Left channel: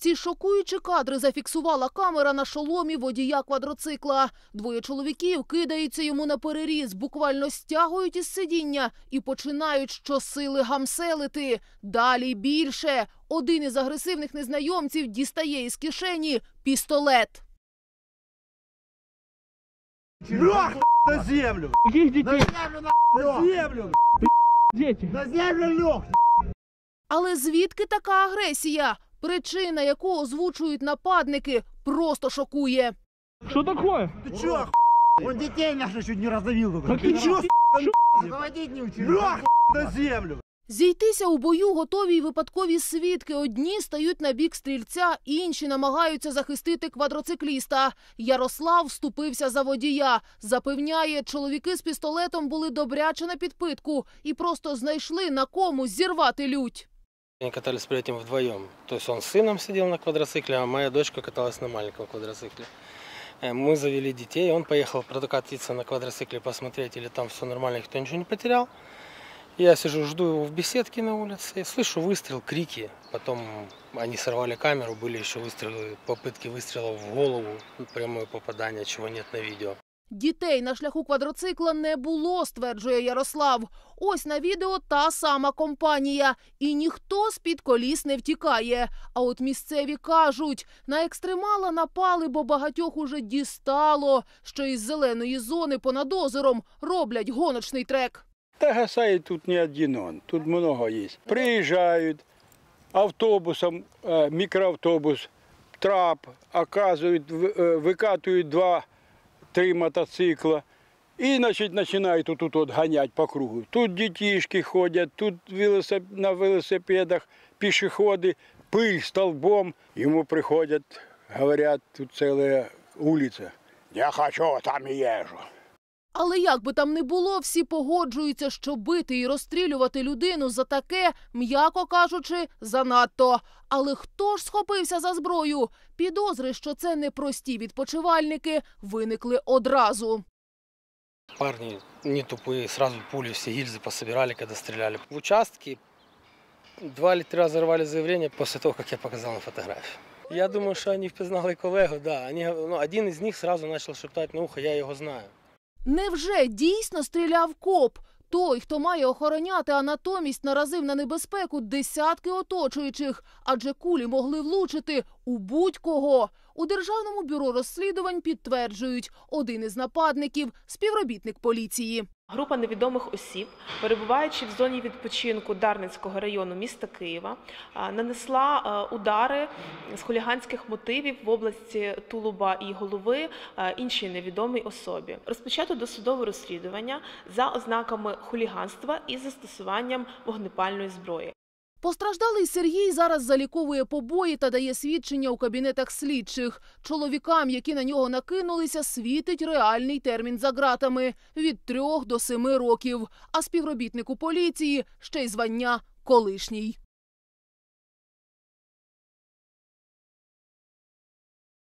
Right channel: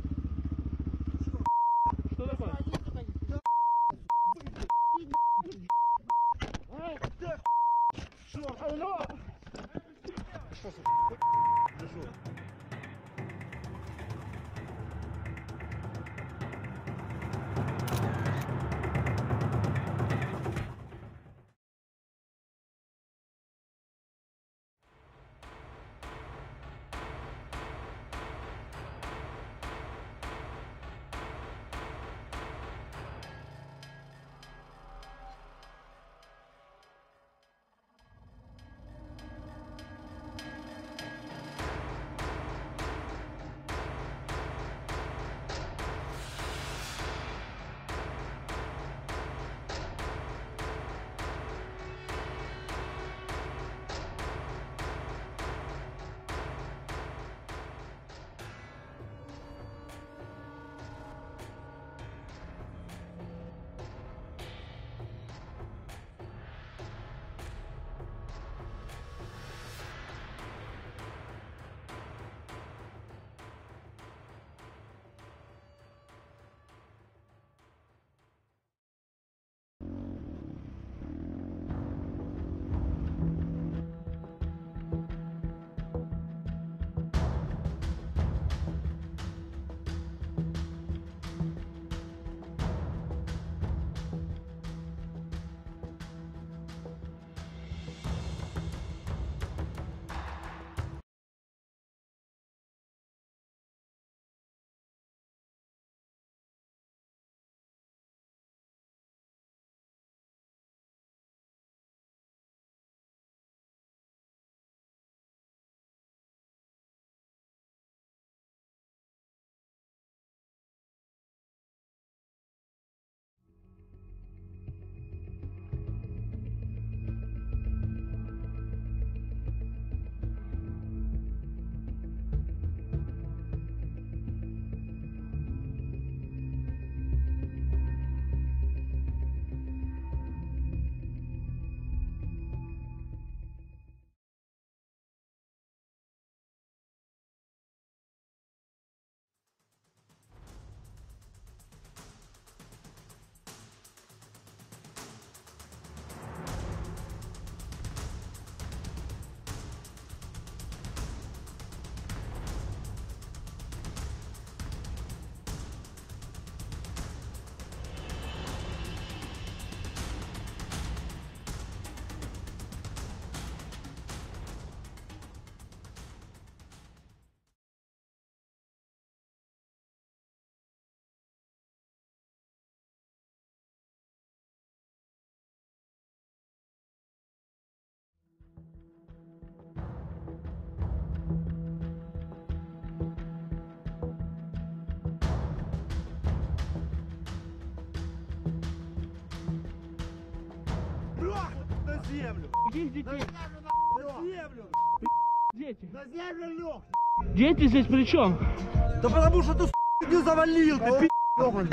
Ці шокуючі кадри зафіксувала камера на шоломі водія квадроцикла. Двоє чоловіків кидаються йому на переріз, буквально стягують із сидіння і починають щосили гамселити. Далі більше. Один із агресивних незнайомців дістає із кишені пістолет. На землю! На землю! На землю! Дети. Да землю, Лех! Але звідки така агресія? Причина, яку озвучують нападники, просто шокує. Що такое? Ти оху- Он детей наших чуть не раздавил. только. Так ты чё, Заводить не учил. Лех, на землю! Зійтися у бою готові й випадкові свідки. Одні стають на бік стрільця, інші намагаються захистити квадроцикліста. Ярослав вступився за водія. Запевняє, чоловіки з пістолетом були добряче на підпитку і просто знайшли на кому зірвати лють. Они катались при этом вдвоем. То есть он с сыном сидел на квадроцикле, а моя дочка каталась на маленьком квадроцикле. Э, Мы завели детей, он поехал прокатиться на квадроцикле, посмотреть, или там все нормально, никто ничего не потерял. Я сижу, жду его в беседке на улице, и слышу выстрел, крики. Потом они сорвали камеру, были еще выстрелы, попытки выстрелов в голову, прямое попадание, чего нет на видео. Дітей на шляху квадроцикла не було, стверджує Ярослав. Ось на відео та сама компанія, і ніхто з під коліс не втікає. А от місцеві кажуть, на екстремала напали, бо багатьох уже дістало, що із зеленої зони понад озером роблять гоночний трек. Та Гасаї тут не один он, тут много есть. Приезжают автобусом, э, микроавтобус, трап, оказывают, вы- э, выкатывают два-три мотоцикла. И значит, начинают тут, тут вот гонять по кругу. Тут детишки ходят, тут велосип- на велосипедах пешеходы, пыль столбом. Ему приходят, говорят, тут целая улица. Я хочу, там и езжу. Але як би там не було, всі погоджуються, що бити і розстрілювати людину за таке, м'яко кажучи, занадто. Але хто ж схопився за зброю? Підозри, що це не прості відпочивальники, виникли одразу. Парни не тупые, сразу пули, все гильзы пособирали, когда стреляли. В участке два или три раза рвали заявление после того, как я показал на фотографию. Я думаю, что они впізнали колегу, да. Они, ну, один из них сразу начал шептать на ухо, я його знаю. Невже дійсно стріляв коп? Той, хто має охороняти, а натомість наразив на небезпеку десятки оточуючих, адже кулі могли влучити у будь-кого. У державному бюро розслідувань підтверджують, один із нападників співробітник поліції. Група невідомих осіб, перебуваючи в зоні відпочинку Дарницького району міста Києва, нанесла удари з хуліганських мотивів в області Тулуба і голови іншій невідомій особі. Розпочато досудове розслідування за ознаками хуліганства і застосуванням вогнепальної зброї. Постраждалий Сергій зараз заліковує побої та дає свідчення у кабінетах слідчих. Чоловікам, які на нього накинулися, світить реальний термін за ґратами від трьох до семи років. А співробітнику поліції ще й звання колишній. Дети здесь при чем? Да потому что ты с*** не завалил, ты пи***, ёбаный.